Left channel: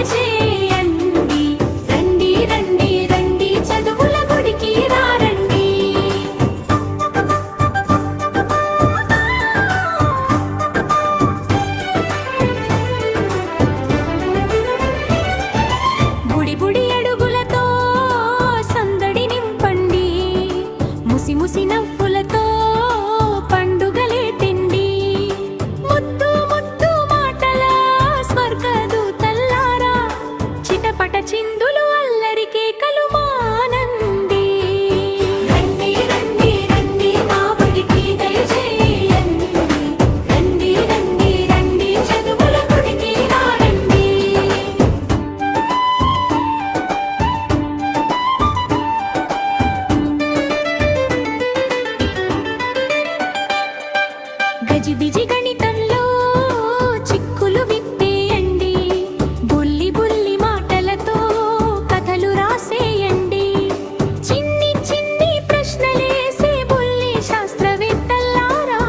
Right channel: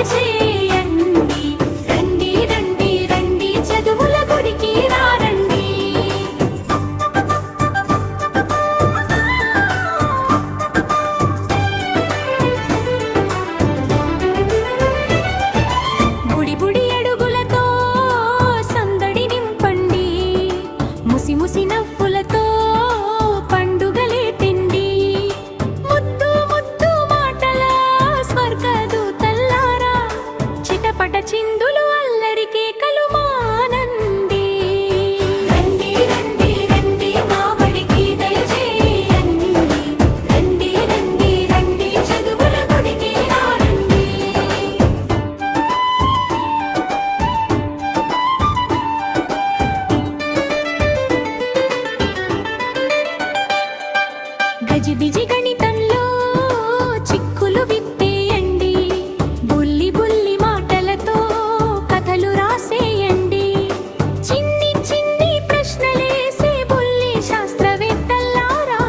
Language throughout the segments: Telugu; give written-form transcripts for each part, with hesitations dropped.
దయచేయండి. రండి రండి రండి చదువుల గుడికి రండి. బుడి బుడి అడుగులతో సందడి నింపండి. ముసి ముసి నవ్వులతో పండుగలే తిండి. ముద్దు ముద్దు మాటల స్వర్గదూతల్లారా, చిటపట చిందులు అల్లరి కేకలు మానండి. రండి రండి రండి మా బడికి దయచేయండి. రండి రండి రండి చదువుల గుడికి రండి. గజిబిజి గణితంలో చిక్కులు విప్పేయండి. బుల్లి బుల్లి మాటలతో కథలు రాసేయండి. చిన్ని చిన్ని ప్రశ్నలేసే బుల్లి శాస్త్రవేత్తల్లారా,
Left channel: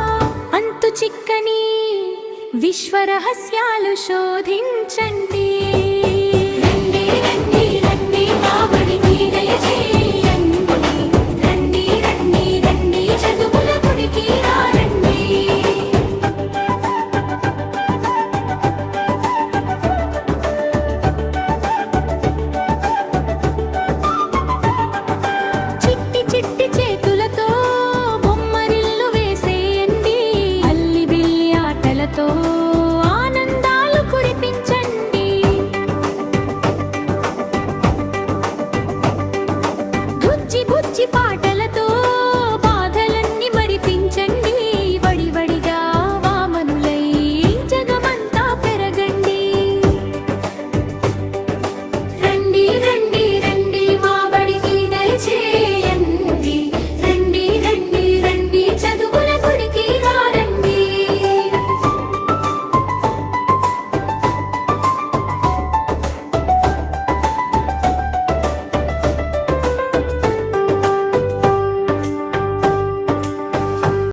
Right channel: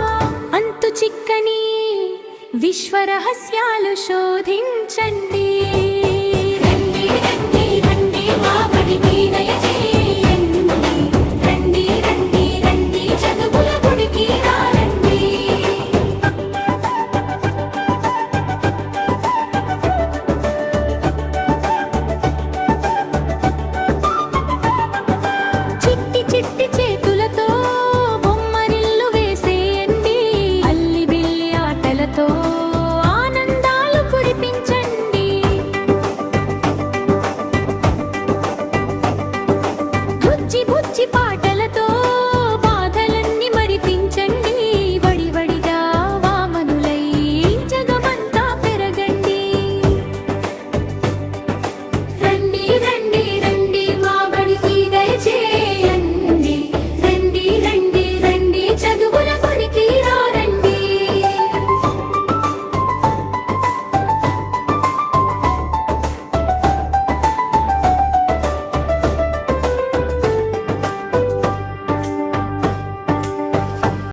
అంతు చిక్కని విశ్వరహస్యాలు శోధించండి.